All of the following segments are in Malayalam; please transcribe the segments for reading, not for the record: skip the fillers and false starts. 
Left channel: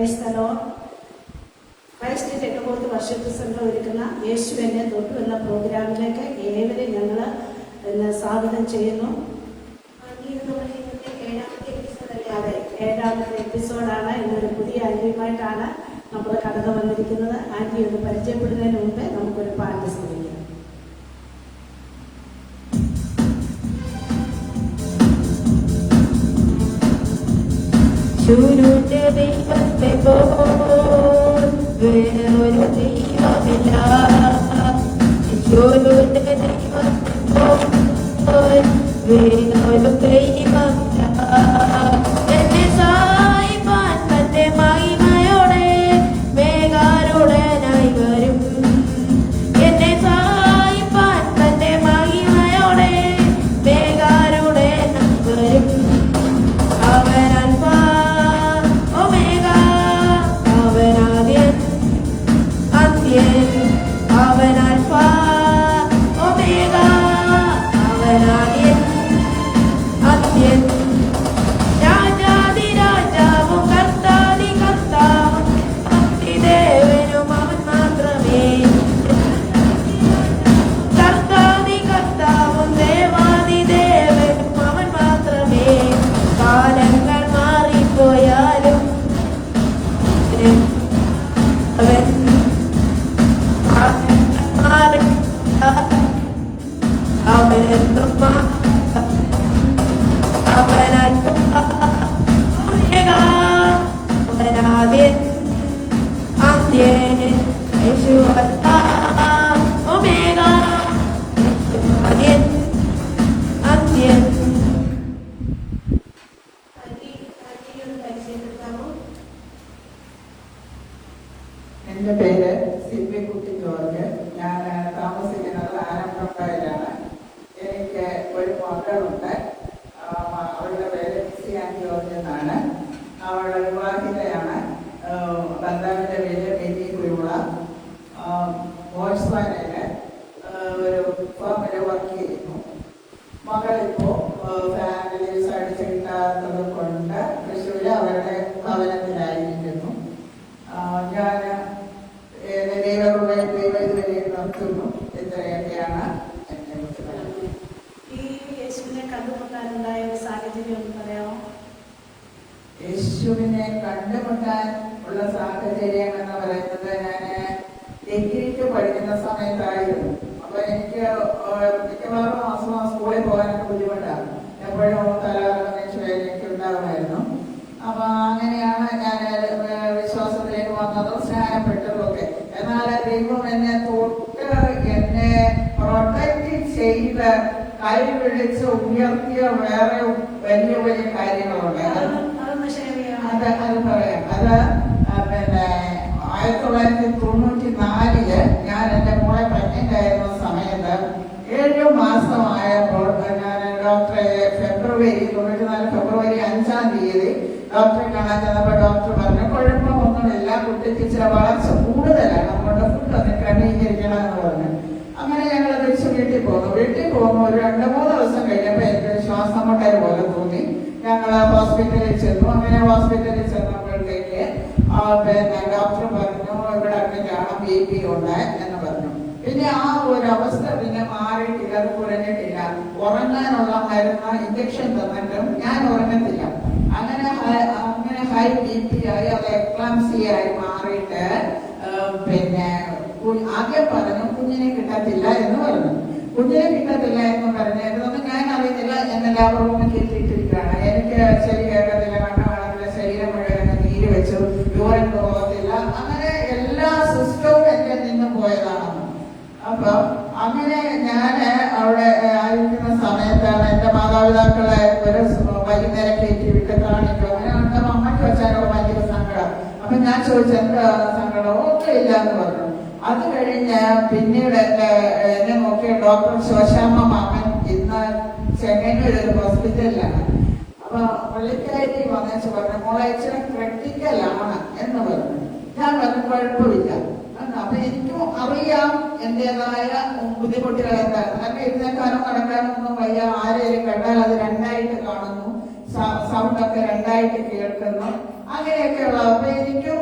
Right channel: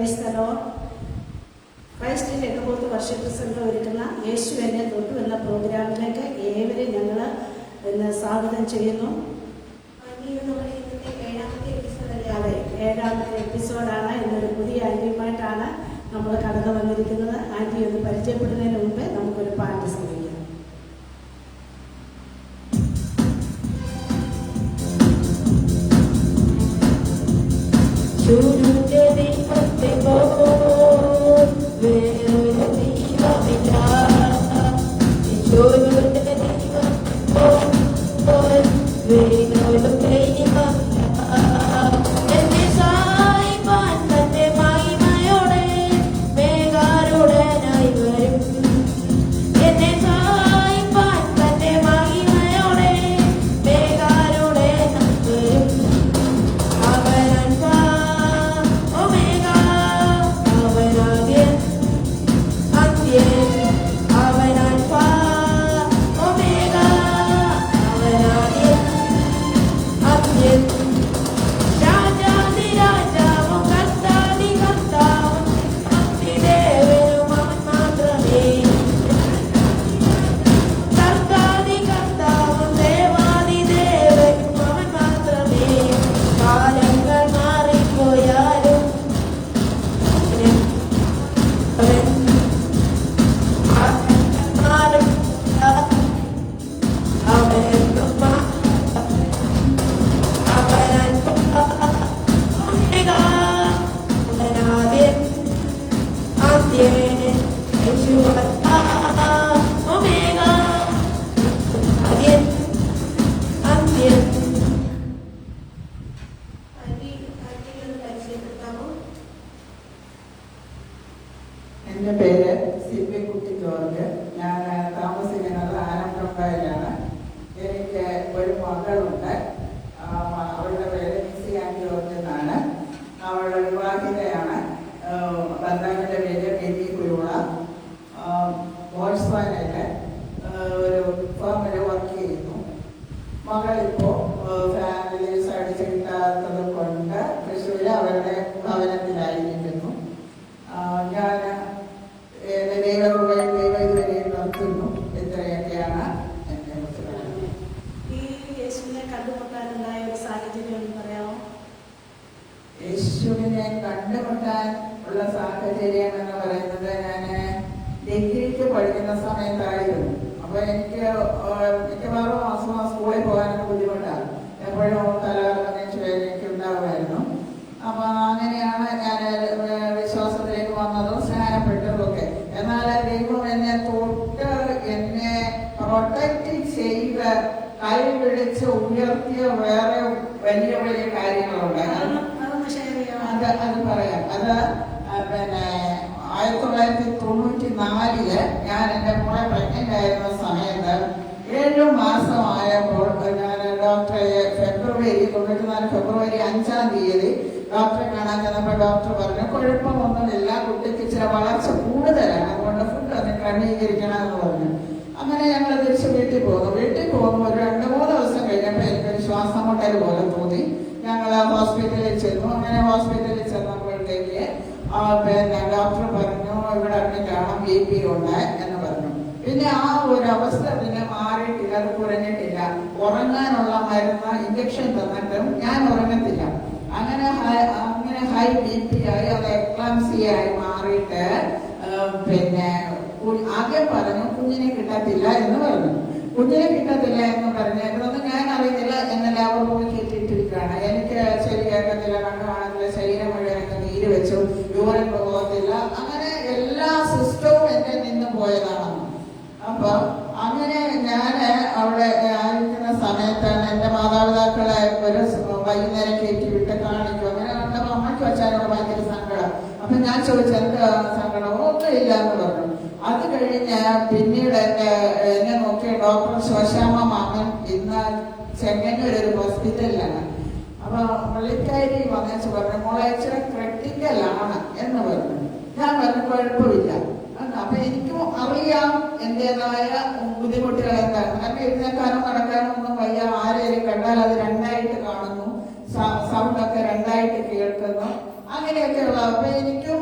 ക്രൈസ്തലോ ക്രൈസ്റ്റിൽ 8 വർഷത്തെ സംഘം ഒരുക്കുന്ന യേശു എന്നെ തൊട്ടു എന്ന പ്രോഗ്രാമിലേക്ക് ഏവരെയും ഞങ്ങൾ സ്വാഗതം ചെയ്യുന്നു. അതെ, 7ാമത്തെ എപ്പിസോഡാണ്. ഇന്നൊരു പുതിയ ആന്റിയുമായിട്ടാണ് നമ്മൾ കടന്നു വന്നിരിക്കുന്നത്. ആന്റി ഒന്ന് പരിചയപ്പെടുന്നതിന് മുമ്പേ നമുക്കൊരു പാട്ട് ശ്രമിക്കാം. ചുരുന്റെ ദൈവത്തെ വേറൊരു ദൈവമില്ല, ചുരുന്റെ ദൈവത്തെ വേറൊരു ദൈവമില്ല. എന്നെ സഹായിപ്പാൻ തന്റെ മഹിമയോടെ വേഗാരുടനായി വരും. എന്നെ സഹായിപ്പാൻ തന്റെ മഹിമയോടെ വേഗാരുടനായി വരും. എന്റെ പേര് സിൽവിക്കുട്ടി ജോർജ്. ഞാൻ താമസിക്കുന്നത് ആലമ്പുഴയിലാണ്. എനിക്ക് ഒരു മകളുണ്ട്. അവളുടെ പേര് മിസ്സി ആൻ ജോർജ് എന്നാണ്. അവളുടെ വിവാഹിതയാണ്. ഭർത്താവിന്റെ പേര് ബേബി കുരുള. മോൾസ്വാനില് ഒരു ഫാമില് വർക്ക് ചെയ്യുന്നു. മകളിപ്പോ ഫാമിലി സർട്ടിഫിക്കറ്റ് കൊണ്ട് തൃശ്ശൂര് അവരുടെ ഭവനത്തിലായിരിക്കുന്നു. ഞാൻ നിർത്തുന്നു. ഇത്രയൊക്കെയാണ് ഈ യേശുവിനെ കണ്ടുമുട്ടാനുണ്ടായ ഒരു സാഹചര്യം ഒന്ന് പറയാമോ? യേശുവിനെ കണ്ടുമുട്ടാൻ ഉള്ള സാഹചര്യം എന്ന് പറയുന്നത് ഞാൻ ഡിഗ്രിക്ക് പഠിക്കുന്ന സമയത്തായിരുന്നു. അപ്പൊ എനിക്ക് മിക്കവാറും മാസം സ്കൂളിൽ പോകാൻ ബുദ്ധിമുട്ടാണ്. എപ്പോഴും കലാപരമേശ്വര എനിക്ക് ഉണ്ടാകുമായിരുന്നു. അപ്പൊ അങ്ങനെയാണ് ഞാൻ വിശ്വാസത്തിലേക്ക് വന്നതും സ്നാനപ്പെട്ടതും ഒക്കെ. എന്നാൽ ദൈവം എന്നെ തൊട്ട് എന്നെ പ്രൊട്ടക്ട് ചെയ്ത് കൈ പിടിച്ച് ഉയർത്തിയ വേറെ വലിയ വലിയ കാര്യങ്ങളുണ്ട്. അത് പറയാം. അത് പിന്നെ 1994 ഞാൻ എന്റെ മോളെ പ്രഗ്നന്റ് ആയിരുന്ന സമയത്ത് 7 മാസമായപ്പോൾ ഞാൻ ഡോക്ടറെ ഫെബ്രുവരി 5-ാം തീയതി ഡോക്ടറെ കാണാൻ ചെന്നപ്പോൾ ഡോക്ടർ പറഞ്ഞു കുഴപ്പമൊന്നുമില്ല, കുട്ടിപ്പിച്ച വളർച്ച കൂടുതലാണ്, അതുകൊണ്ട് ഫുഡ് ഒന്ന് ക്രമീകരിക്കണം എന്ന് പറഞ്ഞു. അങ്ങനെ ഞങ്ങൾ തിരിച്ച് വീട്ടിൽ പോകുമ്പോൾ ഒരു 2-3 ദിവസം കഴിഞ്ഞപ്പോൾ എനിക്കൊരു ശ്വാസം മുട്ടൽ പോലെ തോന്നി. ഞങ്ങൾ ഹോസ്പിറ്റലിൽ ചെന്നു. അങ്ങനെ ഹോസ്പിറ്റലിൽ ചെന്നപ്പോഴത്തേക്ക് പിന്നെ ഡോക്ടർ പറഞ്ഞു ഇവിടെ അഡ്മിറ്റാണ്, BP ഉണ്ട് എന്ന് പറഞ്ഞു. പിന്നെ ആ ഒരു അവസ്ഥ പിന്നെ മാറിയിട്ടില്ല, അത് കുറഞ്ഞിട്ടില്ല. ഉറങ്ങാനുള്ള മരുന്ന് ഇഞ്ചക്ഷൻ തന്നിട്ടും ഞാൻ ഉറങ്ങത്തില്ല. അങ്ങനെ ഹൈ BP ആയി, അത് എക്ലാംസിയായി മാറിയിട്ട് പിന്നെ ആദ്യം പറഞ്ഞു കുഞ്ഞിനെ കിട്ടത്തില്ല എന്ന് പറഞ്ഞു. കുഞ്ഞിനെ കിട്ടത്തില്ല എന്ന് പറഞ്ഞു. ഇതൊന്നും ഞാൻ അറിയുന്നില്ല. എന്നെല്ലാവരും കിട്ടിയിട്ടിരിക്കുകയാണ്. എനിക്ക് ശരി കേൾക്കത്തില്ല, കണ്ണു കാണത്തില്ല, ശരീരം മുഴുവൻ നീര് വെച്ചു, യൂറിൻ പോകത്തില്ല. അങ്ങനെ എല്ലാ സിസ്റ്റവും എന്റെ നിന്ന് പോയതാണ്. അപ്പൊ അങ്ങനെ ഞാൻ അവിടെ ആയിരിക്കുന്ന സമയത്താണ് എന്റെ മാതാപിതാക്കളെ ഒരു വൈകുന്നേരം കയറ്റി വിട്ട് കാണിക്കും. അങ്ങനെ കണ്ടപ്പോ അമ്മയ്ക്ക് വെച്ചാലോ ഭയങ്കര സങ്കടം. അപ്പൊ ഞാൻ ചോദിച്ചു എന്താ സങ്കടം? ഒന്നും ഇല്ല എന്ന് പറഞ്ഞു. അത് കഴിഞ്ഞ് പിന്നീട് എന്നെ നോക്കിയ ഡോക്ടർ ശോശാമ്മ മാമൻ ഇന്ന് ചെങ്ങന്നൂർ ഒരു ഹോസ്പിറ്റലിലാണ്. അപ്പൊ പുള്ളിക്കാരി വന്നേച്ച് പറഞ്ഞു മോളെ ഇച്ചിരി ക്രിട്ടിക്കലാണ് എന്ന് പറഞ്ഞു. ഞാൻ പറഞ്ഞു കുഴപ്പമില്ല. അപ്പൊ എനിക്കും അറിയാം എന്റേതായ ബുദ്ധിമുട്ടുകൾ എന്താ. കാരണം എഴുന്നേക്കാനും നടക്കാനും ഒന്നും വയ്യ. ആരെയും കണ്ടാൽ അത് രണ്ടായിട്ട് കാണുന്നു, സൗണ്ടൊക്കെ രണ്ടായിട്ട് കേൾക്കുന്നു, അങ്ങനെയൊക്കെയുള്ള. അപ്പൊ എനിക്കും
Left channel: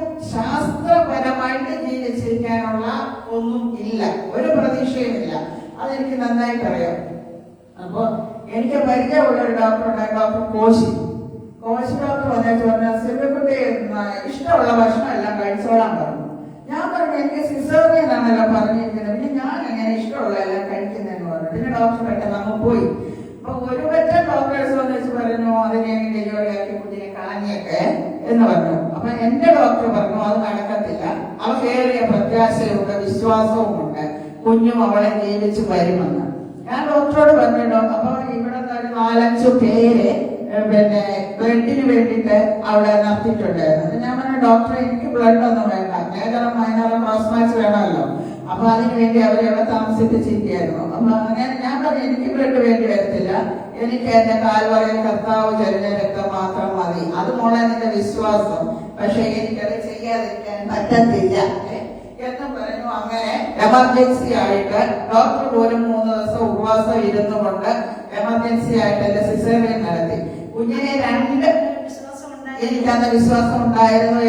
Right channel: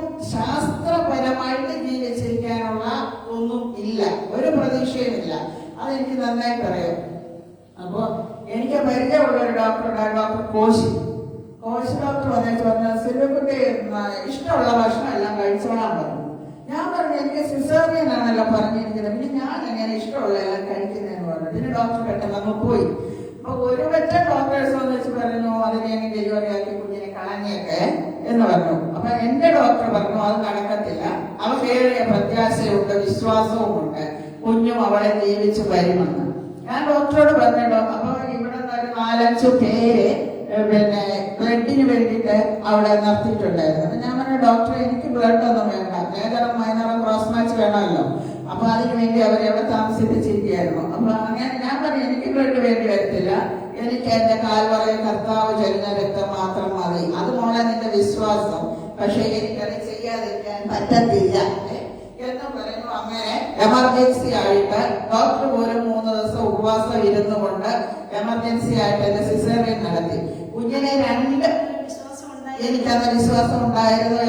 കോശി ഡോക്ടർ വന്നിട്ട് പറഞ്ഞ സിൽവക്കുട്ടി ഇഷ്ടമുള്ള ഭക്ഷണം എല്ലാം കഴിച്ചോളാൻ പറഞ്ഞു. ഞാൻ പറഞ്ഞു എനിക്ക് സിസേറിയൻ ആണല്ലോ പറഞ്ഞിരിക്കുന്നത്, പിന്നെ ഞാൻ എങ്ങനെ ഇഷ്ടമുള്ള എല്ലാം കഴിക്കുന്നതെന്ന് പറഞ്ഞു. പിന്നെ ഡോക്ടർ പെട്ടെന്ന് അങ്ങ് പോയി. അപ്പൊ ഒരു പറ്റ ഡോക്ടേഴ്സ് വന്ന് വെച്ച് പറഞ്ഞു അതിനെ ഡെലിവറി ആക്കി കുഞ്ഞിനെ കളഞ്ഞേക്കെ എന്ന് പറഞ്ഞു. അപ്പൊ എന്റെ ഡോക്ടർ പറഞ്ഞു അത് നടക്കത്തില്ല, അവക്കേറെ പ്രത്യാശയുണ്ട്, വിശ്വാസവുമുണ്ട്, കുഞ്ഞും അവളെ ജീവിച്ച് വരുമെന്ന്. ഞാൻ ഡോക്ടറോട് പറഞ്ഞല്ലോ. അപ്പൊ ഇവിടുന്ന് ഒരു 4-5 പേര് പിന്നെ ബ്ലഡിന് വേണ്ടിയിട്ട് അവിടെ നടത്തിയിട്ടുണ്ടായിരുന്നു. അപ്പൊ ഞാൻ പറഞ്ഞു ഡോക്ടറെ എനിക്ക് ബ്ലഡ് ഒന്നും വേണ്ട, മേജറും മൈനറും ക്രോസ് മാച്ച് വേണമല്ലോ. അപ്പൊ അതിനു വേണ്ടി അവരെവിടെ താമസിപ്പിച്ചിരിക്കുകയായിരുന്നു. അപ്പൊ അങ്ങനെ ഞാൻ പറഞ്ഞു എനിക്ക് ബ്ലഡ് വേണ്ടി വരത്തില്ല, എനിക്ക് എന്റെ കാൽവറയിൽ കർത്താവ് ചൊരിഞ്ഞ രക്തം മാത്രം മതി, അതുപോലെ എന്റെ വിശ്വാസം, പക്ഷെ എനിക്കത് ചെയ്യാതിരിക്കാൻ പറ്റത്തില്ല എന്ന് പറഞ്ഞു. അങ്ങനെ എമർജൻസി ആയിട്ട് ഡോക്ടർ പോലും 3 ദിവസം ഉപവാസം ഇരുന്നു കൊണ്ട് എമർജൻസി ആയിട്ട് എന്റെ സിസേറിയൻ നടത്തി. കുഞ്ഞിനെ 2 എനിക്കന്ന് വിശ്വാസം ഉണ്ടായിരുന്നു,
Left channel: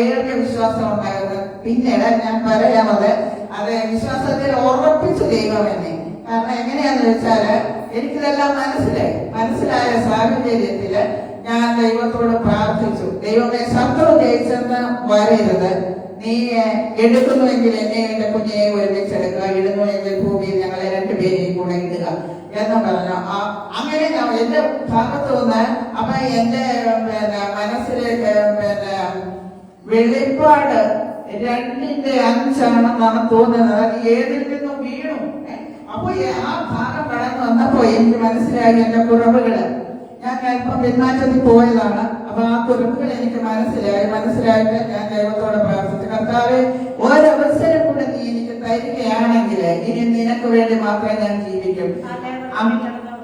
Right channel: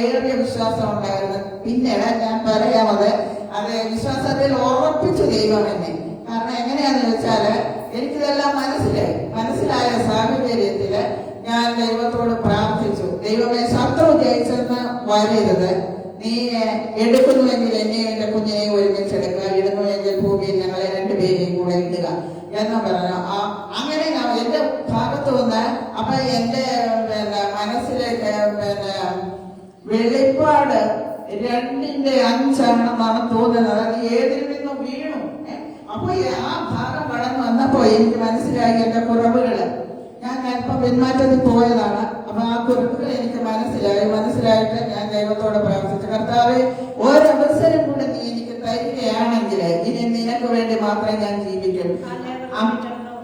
ഏറിയ വിശ്വാസം ഉണ്ടായിരുന്നു. പിന്നീട് ഞാൻ പറയാമത് അത് വിശ്വാസത്തിൽ ഉറപ്പിച്ചു ദൈവം എന്നെ. കാരണം എങ്ങനെയാന്ന് വെച്ചാല് എനിക്കിതെല്ലാം മനസ്സിലായ സാഹചര്യത്തില് ഞാൻ ദൈവത്തോട് പ്രാർത്ഥിച്ചു, ദൈവമേ ശത്രു ജയിച്ചെന്ന് വരരുത്, നീ എടുക്കുന്നുവെങ്കിൽ എന്നെ എന്റെ കുഞ്ഞിനെ ഒരുമിച്ചെടുക്കുക, ഇടുന്നുവെങ്കിൽ ഭൂമിയിൽ ഞങ്ങളെ 2 പേരെയും കൂടെ ഇടുക എന്ന് പറഞ്ഞു. അങ്ങനെ ഞാൻ എന്റെ ഭാഗത്തു നിന്ന് അപ്പൊ എന്റെ മനസ്സിലേക്ക് വെളിപ്പാട് 2:5 തോന്നുന്നത്. അത് ഏതിൽ നിന്നും വീണു. അപ്പൊ ആ ഭാഗം കടന്നു വന്നപ്പോ എനിക്ക് മനസ്സിലായി എന്റെ കുറവുകള്. ഞാൻ അല്പം പിന്മാറ്റത്തിൽ പോയതാണ്. അപ്പൊ ആ കുറിപ്പുകൾ എനിക്ക് മനസ്സിലായിട്ട് ഞാൻ ദൈവത്തോട് പ്രാർത്ഥിച്ചു, കർത്താവേ ഒരവസരം കൂടെ നീ എനിക്ക് തരികയാണെങ്കിൽ ഇനി നിനക്ക് വേണ്ടി മാത്രമേ ഞാൻ ജീവിക്കും.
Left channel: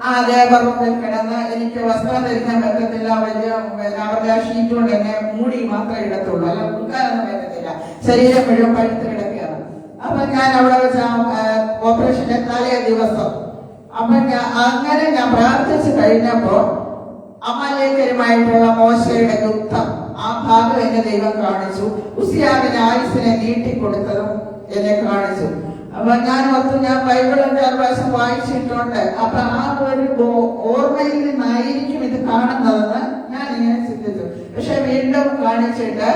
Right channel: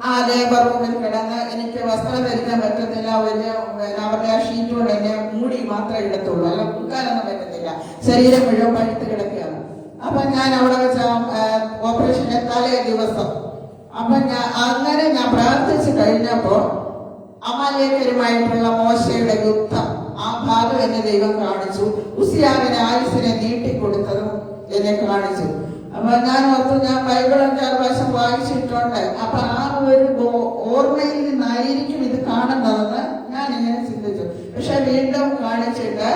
ആ ലേബറിൽ കിടന്ന് എനിക്ക് വസ്ത്രം ധരിക്കാൻ പറ്റത്തില്ല, അവരുടെ ആ ഷീറ്റ് കൊണ്ട് എന്നെ മൂടി മാത്രമേ ഇടത്തുള്ളൂ, അല്ല മുക്കാനൊന്നും പറ്റത്തില്ല, ശരീരം മുഴുവൻ പഴുത്ത് കിടക്കുകയാണ്. അപ്പൊ ഞാൻ അവിടെ വെച്ച് ഓപ്പറേഷന്റെ തലേ ദിവസം അപ്പൊ അങ്ങനെ ഞാൻ പ്രാർത്ഥിച്ചു കഴിഞ്ഞപ്പോ അമാലേഖരുമായിട്ടുള്ള മോശയുടെ യുദ്ധം ആ ഭാഗം എന്നെ ദൈവം കാണിച്ചു. ഉസിയാവിന് ആയുസിനെ നീട്ടിക്കൊടുത്തതും എന്നെ കാണിച്ചു. അപ്പൊ ഞാൻ ഓർത്തു, ഞാൻ ബൈബിളിന്റെ ഒരു വശം വായിച്ചിട്ടുണ്ട്, അപ്പൊ ആ ഒരു ഓർമ്മയിൽ നിന്നായിരിക്കും ഇത് കാണുന്നതെന്ന് ഞാൻ ഇങ്ങനെ ചിന്തിച്ചു. പക്ഷെ വീണ്ടും കാണിച്ചിട്ട്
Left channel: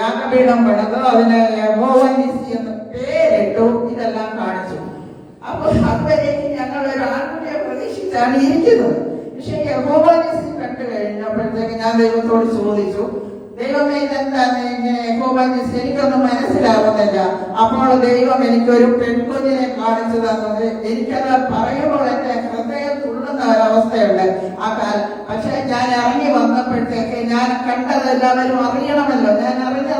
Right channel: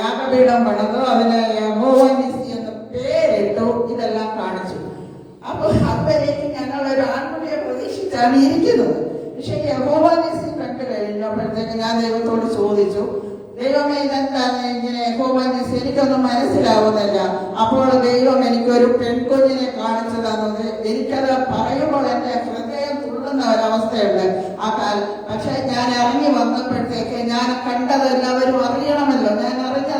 യാഗപീഠം പണിതു, അതിന് യഹോവനിസി എന്ന് പേരിട്ടു, ഇതെല്ലാം കാണിച്ചു. അപ്പൊ അപ്പോഴേക്കും ഞങ്ങൾ ഒരു ആൺകുട്ടിയെ പ്രതീക്ഷിച്ചാണ് ഇരിക്കുന്നത്. പക്ഷെ യഹോവനിസി കണ്ടു കഴിഞ്ഞപ്പോഴത്തേക്ക് ഞാൻ ദൈവത്തോട് ചോദിച്ചു, ദൈവമേ ഇതെന്താണ് ഇങ്ങനെ യഹോവനിസി, എനിക്കൊന്നും മനസ്സിലാവുന്നില്ല. അപ്പോൾ ദൈവം എനിക്കൊരു പെൺകുഞ്ഞിനെ കാണിച്ചു തന്നത്. എനിക്കത് പറയുമ്പോൾ എന്റെ ഹൃദയം തുള്ളുന്ന ഒരവസ്ഥയുണ്ട് ആ കാലം. പക്ഷെ ഞാൻ ഇറങ്ങി വന്നപ്പോഴത്തേക്ക് ഞാൻ കണ്ടത് എല്ലാവരും അറിയണമല്ലോ, ഞാൻ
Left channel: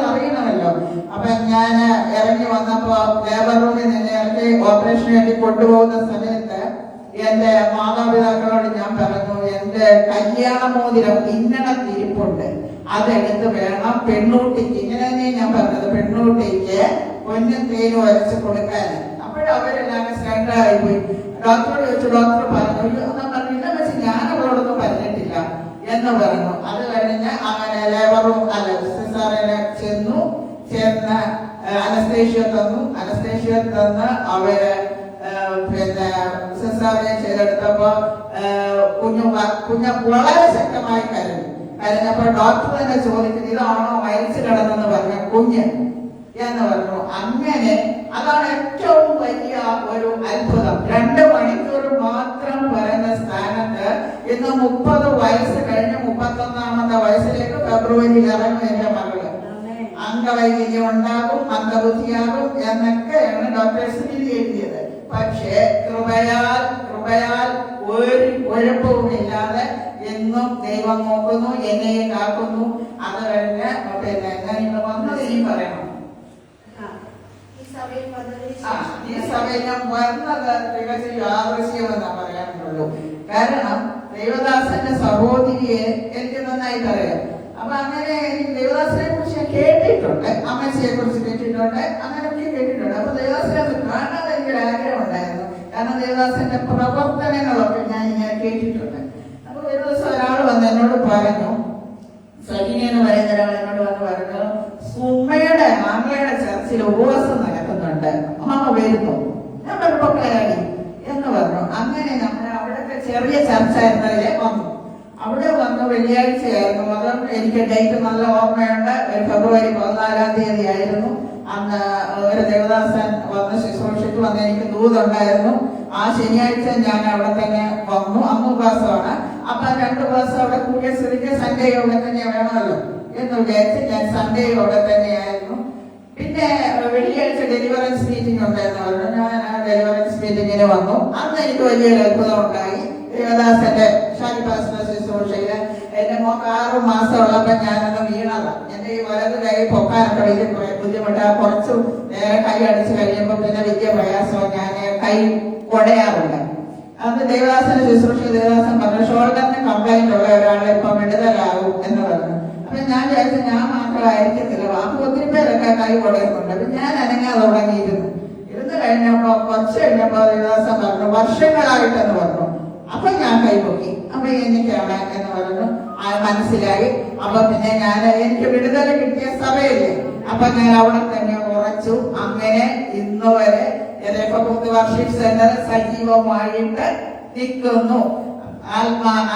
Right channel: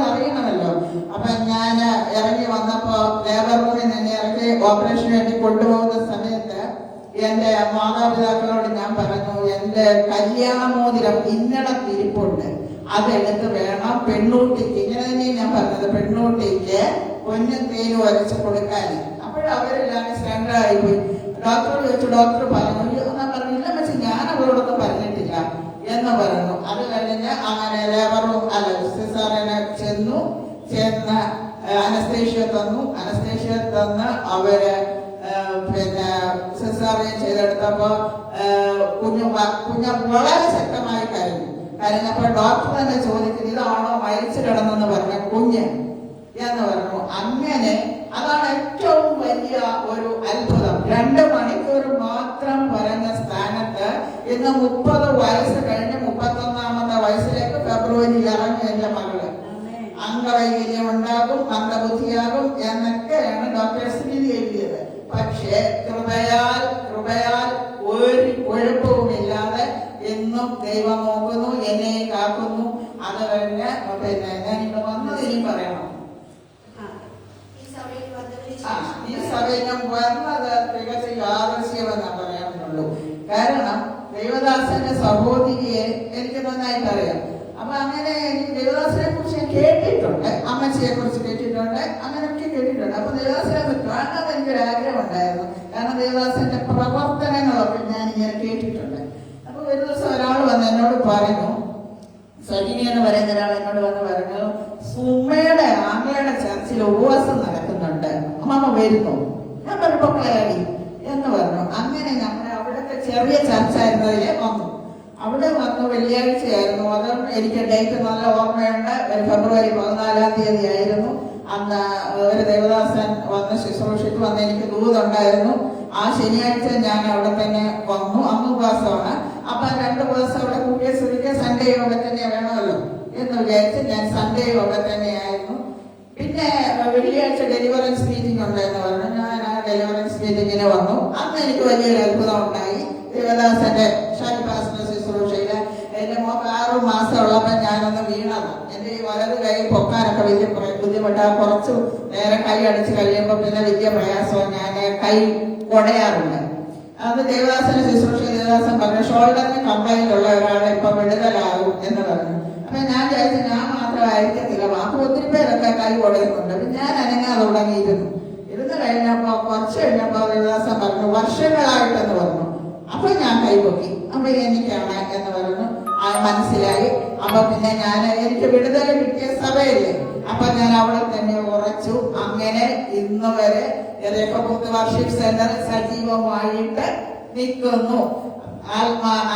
അറിയണമല്ലോ. അപ്പൊ ഞാൻ ഇറങ്ങി വന്നപ്പോ ലേബർ റൂമിൽ നിന്ന് ഇറങ്ങി ഓപ്പറേഷന് വേണ്ടി കൊണ്ടുപോകുന്ന സമയത്ത് എന്റെ മാതാപിതാക്കളോട് ഞാൻ പറഞ്ഞു, എന്റെ കല്യാണമോതിരം ഇരിപ്പുണ്ട്, അതെടുത്ത് വേണം പെണ്ണൂട്ടിക്ക്, ഇങ്ങനെ ഞാൻ പറഞ്ഞത്, പെണ്ണൂട്ടിക്ക് പൊന്നും തേനും വരച്ച് കൊടുക്കാൻ. അപ്പോഴവരെല്ലാം സ്റ്റാൻഡായി പോയി. ഡോക്ടറോട് ചോദിച്ചു, ഡോക്ടർ പറഞ്ഞു എന്നാ പറഞ്ഞില്ല, പക്ഷെ ഞാൻ അവളോടൊന്നും പറഞ്ഞിട്ടില്ല എന്ന് പറഞ്ഞു. അത് കഴിഞ്ഞ് അങ്ങനെ ലേബർ റൂം സിസാറിനെ ചെന്ന് അനസ്തേഷ്യ തന്ന് അവര് പിന്നെ സിസാറിനെ ചെയ്തെടുത്തപ്പോ കുഞ്ഞു വളരെ ശക്തമായി കരഞ്ഞപ്പോ ഡോക്ടർ തന്നെ ചോദിക്കുന്നത്, ഇതാണോ മരിച്ചു കിടന്നെന്ന് പറഞ്ഞ കുഞ്ഞ് എന്ന് പറഞ്ഞു. അങ്ങനെ അതാണ് ഏറ്റവും വലിയ ഒരു അത്ഭുതം. 2 മണിക്കൂർ മാത്രം പറഞ്ഞ സ്ഥാനത്ത് ഇന്ന് 30 വയസ്സ് കഴിഞ്ഞ് 31ാമത്തെ വയസ്സിലേക്ക് ഫെബ്രുവരിയിൽ ഇറങ്ങും എന്റെ മകള്. അംഗവൈകല്യം ഉണ്ടാകും, മന്ദബുദ്ധിയാകും എന്നൊക്കെയാണ് ഡോക്ടേഴ്സ് വിധി എഴുതിയത്. പക്ഷേ കൃപയാൽ ഒരു കുഴപ്പവുമില്ലാതെ എന്നും ദൈവം നോക്കുന്നു, എന്നെ കാക്കുന്നു. അത് കഴിഞ്ഞ് പിന്നെ ഞാൻ ഇവിടെ വന്നത് ഇനി പറയണം. ഈ സമയം വന്നത് തികച്ചും യാദൃശ്യമെന്നാ പറയാനുള്ളൂ. കാരണം ദേവദാസന്റെ സഹോദരിയെ എനിക്ക് നന്നായിട്ട് അറിയാം. അപ്പൊ അങ്ങനെ എനിക്ക് ദേവദാസനെ കുറിച്ച് ഞാൻ കേട്ടിട്ടുണ്ട്, അമ്മച്ചിയെ കുറിച്ച് കേട്ടിട്ടുണ്ട്, അങ്ങനെയൊക്കെ കേട്ടിട്ടുണ്ട്. അപ്പൊ ദേവദാസനെ കാണാൻ എനിക്കൊരു ആഗ്രഹം ഉണ്ടായിരുന്നു. കാരണം ദേവദാസന്റെ പ്രവർത്തനങ്ങളൊക്കെ ഞാൻ ഇങ്ങനെ കേട്ടിട്ടുണ്ട്. അപ്പൊ ഒരു ദിവസം ഒരാൾ വന്ന് എന്നോട് പറഞ്ഞു, സജിനി എന്ന് പറയുന്ന ഒരാൾ എന്നോട് വന്ന് പറഞ്ഞു, സുമയുടെ ആങ്ങളയുടെ ചർച്ചിൽ ഉപവാസം നടക്കുന്നുണ്ട്, അമ്മ വരുന്നു. ഞാൻ പറഞ്ഞപ്പോ കയറി എന്ന് പറഞ്ഞു. അങ്ങനെ നമ്മൾ അവിടത്തെ അവിടെ ചെറിയ ചർച്ചായിരുന്നതിലെ വന്നു. അവിടെ വന്ന് വെള്ളിയാഴ്ചയായിരുന്നു. അതും എനിക്ക് ഡേറ്റ് നല്ല ഓർമ്മയുണ്ട്. ഒരു ഫെബ്രുവരി 14 തീയതി ആയിരുന്നു. അന്ന് ഒരു ദേവദാസൻ വന്ന് ശുശ്രൂഷയ്ക്ക് വന്ന് എനിക്ക് ദൂതുണ്ടായിരുന്നു. ആ ശനിയാഴ്ച ഞാൻ അവിടെ തന്നെ വന്നു. അന്ന് ഉപവാസമാണ്. അപ്പൊ 2 ദിവസം അവിടെ കൂടിയ സ്ഥിതിക്ക് സൺഡേ അവിടെ തന്നെ വേണമല്ലോ എന്ന് വിചാരിച്ച് ഞാൻ സൺഡേ അവിടെ തന്നെയായിരുന്നു. പിന്നെ വെള്ളിയാഴ്ച ഡെലിവറൻസ് മീറ്റിംഗ് ഉണ്ടായിരുന്നു. ഞാൻ ആ ഡെലിവറൻസ് മീറ്റിങ്ങിന് വന്നു. അന്ന് എനിക്ക് വലിയൊരു അത്ഭുതം ഉണ്ടായി. ദേവദാസന്റെ ഷാനിവാസന്റെ ശുശ്രൂഷയില് എന്റെ മോക്ക് 6 മാസം ഉള്ളപ്പോ ഞാനൊന്ന് വീണതാണ്. എന്റെ ഈ വലത് കൈ പൊക്കാനൊക്കെ വലിയ ബുദ്ധിമുട്ടാണ്. കുറച്ചു നേരെ കൈ അടിച്ചു കഴിയുമ്പോൾ പിന്നെ വലിയ പ്രയാസമാണ്. ഞാൻ കൈ കുടയാറുണ്ട്. അന്ന് ദേവദാസന്റെ ശുശ്രൂഷ ദേവദാസൻ പറഞ്ഞു ഷോൾഡറിന് കംപ്ലൈന്റ് ഉള്ള ഒരാളെ ഇപ്പൊ വിടുതലാകും എന്ന് പറഞ്ഞു. അപ്പൊ ഞാൻ വിചാരിച്ചു ഞാൻ മാത്രമായിരിക്കത്തില്ല, അപ്പൊ ഒത്തിരി പേരൊക്കെ കൈ കുടയുന്നുണ്ട്. അപ്പൊ ഞാൻ അനങ്ങാതെ തുടങ്ങിയിരുന്നു. ഇരുന്ന് കഴിഞ്ഞപ്പോ കുറച്ച് കഴിഞ്ഞപ്പോ ദേവദാസൻ പറഞ്ഞു വർഷങ്ങളായിട്ടെന്ന് പറഞ്ഞു. അപ്പൊ ഞാൻ കൈപൊക്കി. അപ്പൊ എനിക്കാണ് എന്ന് പറഞ്ഞു. മനസ്സിലായി. അപ്പൊ പിന്നെ എനിക്ക് വിടുതൽ കിട്ടിയ സഭയല്ലേ, അപ്പൊ ഞാൻ അവിടെ തന്നെ ഉറച്ചു. അങ്ങനെ ഇന്ന് വരെ വർഷിപ്പ് സെന്റർ സജീവമായിട്ട് നിൽക്കുന്നു.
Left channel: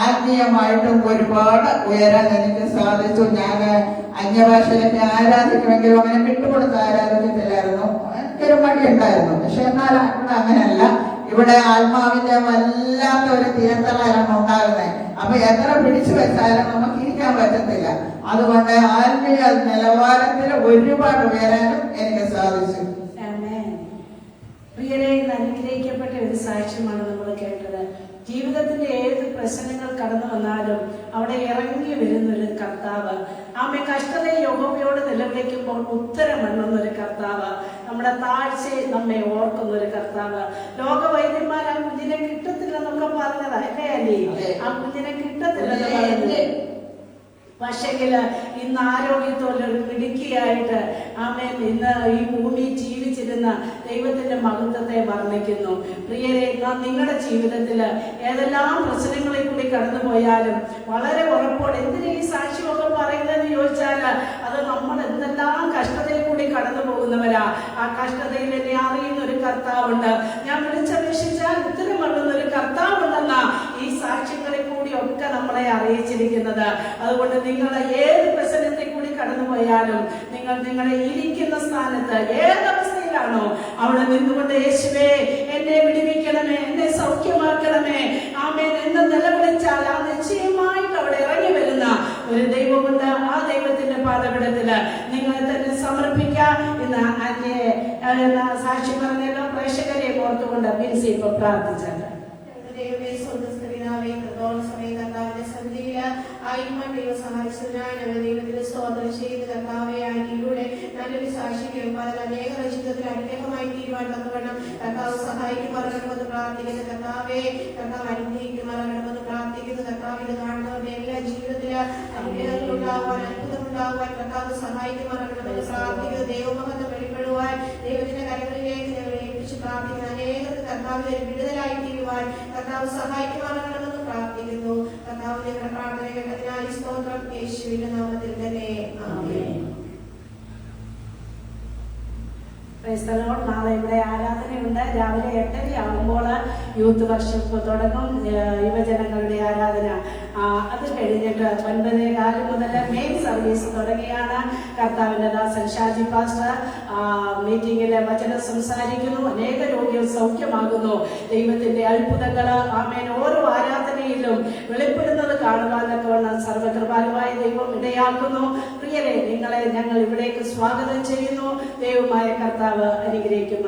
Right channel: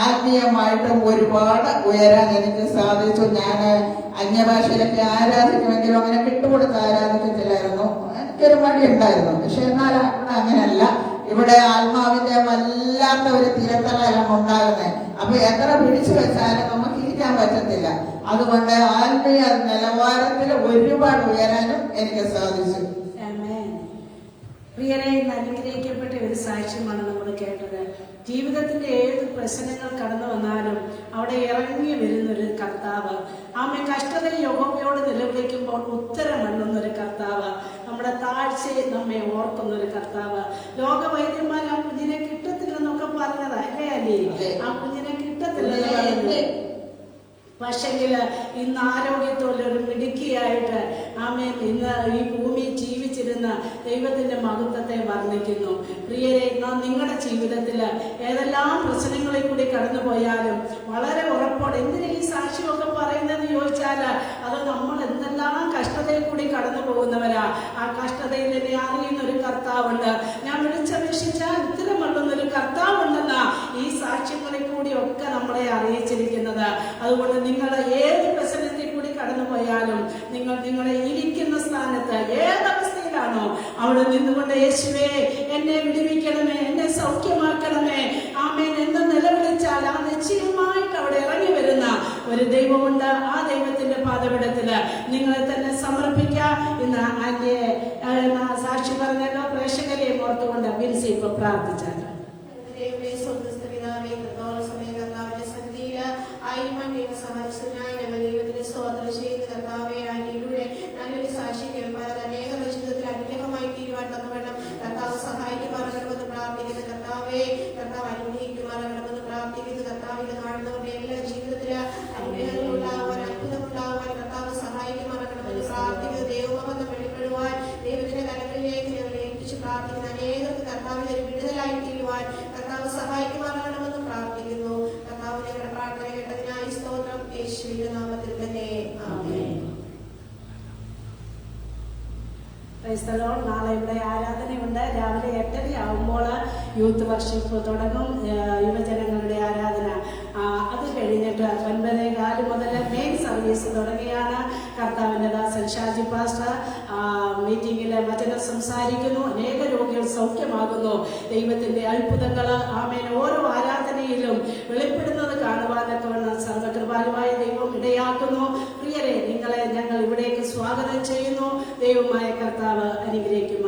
ആത്മീയമായിട്ടും ഒരുപാട് ഉയരാൻ എനിക്ക് സാധിച്ചു. ഞാൻ അന്യഭാഷയിലൊക്കെ ആരാധിക്കുമെങ്കിലും അങ്ങനെ വിട്ടുകൊടുത്ത് ആരാധിക്കത്തില്ലായിരുന്നു. എനിക്കൊരു മടിയുണ്ടായിരുന്നു. പക്ഷെ എന്നാൽ ഇവിടെ അങ്ങനെയല്ല. ഇവിടെ ആത്മാവിന്റെ വല്ലാത്ത ഒരു തിരത്തലാണ് ഉണ്ടാകുന്നത്. അപ്പൊ എത്ര പിടിച്ചു വെച്ചാലും നമുക്ക് ഇരിക്കാൻ പറ്റത്തില്ല. അതുകൊണ്ട് ആത്മീയ നിലവാരത്തിൽ ഒരുപാട് ഉയരാനും എനിക്ക് സാധിച്ചു. പ്രിയരെ, അനുഗ്രഹിക്കപ്പെട്ട ഒരു സാക്ഷ്യമാണ് നമ്മൾ കേട്ടത്. ജീവിതത്തിന്റെ ഏത് പ്രശ്നങ്ങൾ കടന്നു വന്നാലും അവിടെ ഇറങ്ങി വരുന്നൊരു കർത്താവ്, ആമേ കഷ്ടതയെ യഹോവയോട് നിലവിളിക്കുമ്പോൾ ഉത്തരം എണ്ണുന്നൊരു കർത്താവ്, നമ്മുടെ താഴ്ചയെ നമ്മെ ഓർക്കുന്നൊരു കർത്താവ്. ലോകവൈദ്യന്മാർ ആ കുഞ്ഞിനെ കിട്ടത്തില്ലെന്നൊക്കെ പറഞ്ഞതാ അല്ലേ? ആ കുഞ്ഞിനെ കിട്ടത്തില്ലെന്ന് പറയുന്നത്. പക്ഷെങ്കില് ഇന്ന് ആരോഗ്യത്തോടൊരു മിടുക്കിയായിട്ട് ആമേൻ ഇന്ന് ഈ ഭൂമി ജീവിച്ചിരുന്ന ദൈവത്തിന്റെ മഹത്വത്തെ വർണ്ണിക്കുന്നു. പ്രിയരെ, നിങ്ങളുടെ ജീവിതത്തില് ഏതെല്ലാം പ്രശ്നങ്ങളിൽ കൂടി കടന്നുപോയാലും വളരെ ഉറപ്പോടെ എന്തിനാ ഈ സാക്ഷ്യമൊക്കെ പറയുന്നതെന്ന് ചോദിച്ചാല് അത് നമ്മൾ എന്തെല്ലാം കഷ്ടതയിൽ കൂടി കടന്നു പോകുന്നവരാ. ആ കഷ്ടതയിൽ എന്നെ അറിയുന്ന ഒരു കർത്താവുണ്ട്. ഞാൻ വിളിച്ചപേക്ഷിച്ചാൽ ഉത്തരം നൽകുന്നൊരു കർത്താവുണ്ടെന്നാ ഈ സാക്ഷ്യങ്ങളിൽ കൂടിയൊക്കെ നമ്മളെ അറിയിച്ചിരിക്കുന്നത്. അതുകൊണ്ട് നിങ്ങൾ ഏത് പ്രശ്നത്തിൽ കൂടി കടന്നുപോയാലും നിങ്ങൾ നിങ്ങളെ ഇരിക്കുന്ന സ്ഥാനത്ത് ഏതവസ്ഥയിലാണോ അവിടെ നിന്നുകൊണ്ട് യേശുവേ എന്നെ വിടുവിക്കണമേ, എന്നെ സൗഖ്യമാക്കണമേ, ആമേൻ എന്ന് നിലവിളിച്ചാൽ ആ നിശ്ചയമായിട്ട് അവിടെ ഇറങ്ങി വരുന്ന ഒരു ദൈവമുണ്ട്. ആ ദൈവത്തിന്റെ പാദപീഠത്തില് നിങ്ങളെ തന്നെ സമർപ്പിക്കാം. ഇന്ന് സാക്ഷി പറഞ്ഞല്ലോ, പ്രേക്ഷകരെ ഓർത്തുകൊണ്ട് ബിൻസി ഇപ്പൊ പ്രാർത്ഥിച്ചത്. ദൈവത്തിന് സ്തോത്രം ചെയ്ത് കർത്താവെ ആന്റിയിലൂടെ നല്ലൊരു സാക്ഷി കേൾപ്പാൻ അനേകരുടെ ജീവിതത്തിൽ അനുഗ്രഹമായി തീരുവാൻ തന്നുവേണം കർത്താവ് സഹായിക്കുമാറാകണമെന്ന് പ്രാർത്ഥിക്കുന്നു. കർത്താവെ കർത്താവ് അനുഗ്രഹിക്കുമാറാകണമെന്ന് പ്രാർത്ഥിക്കുന്നു. കർത്താവിന്റെ കാണുന്നവരുടെ എല്ലാ ജീവിതത്തില് അനുഗ്രഹങ്ങൾ ഉണ്ടാകുവാൻ, അത്ഭുതം ഉണ്ടാകുവാൻ കർത്താവ് സഹായിക്കുമാറാകണമെന്ന് പ്രാർത്ഥിക്കുന്നു. ദൈവമഹത്വം വെളിപ്പെടുവാൻ ദൈവത്തിന്റെ കരങ്ങളിലേക്ക് ഞങ്ങൾ ഏൽപ്പിച്ച് പ്രാർത്ഥിക്കുന്നു. അനേകർക്ക് കർത്താവിനെ വിടുതലായി തീരുവാൻ കർത്താവ് സഹായിക്കുമാറാകണമെന്ന് പ്രാർത്ഥിക്കുന്നു. കർത്താവിന്റെ പ്രാർത്ഥന കേട്ടതിനായി സ്തോത്രം. യേശുവിന്റെ നാമത്തിൽ തന്നെ ആമേൻ. നാളെ ഇവിടെ ആരാധനയുണ്ട്. രാവിലെ 8:30 യൂത്ത് വർഷിപ്പ് തുടങ്ങും. യുവജനങ്ങളുടെ ആരാധന. അത് കഴിഞ്ഞിട്ട് 9:15 മുതൽ മെയിൻ സർവീസ് തുടങ്ങിയാണ്. കർത്താവിന്റെ ദാസൻ ഷാജി പാസ്റ്റർ മീറ്റിംഗിലെ വചനം സംസാരിക്കുന്നു. അനേക രോഗികൾ സൗഖ്യമാകുന്നു. ദൈവത്തിന്റെ അത്ഭുതങ്ങൾ ആമേൻ ഓരോ ആരാധനയിലും വെളിപ്പെടുന്നത് കാണുവാനൊക്കെ വേണം സർവകൃപാലുവായ ദൈവം ഇടയാക്കുന്നു. പ്രിയരെ, നിങ്ങളെ ഞങ്ങൾ ഇവിടേക്ക് സ്വാഗതം ചെയ്യുന്നു. ദൈവമായ കർത്താവ് അനുഗ്രഹിക്കും.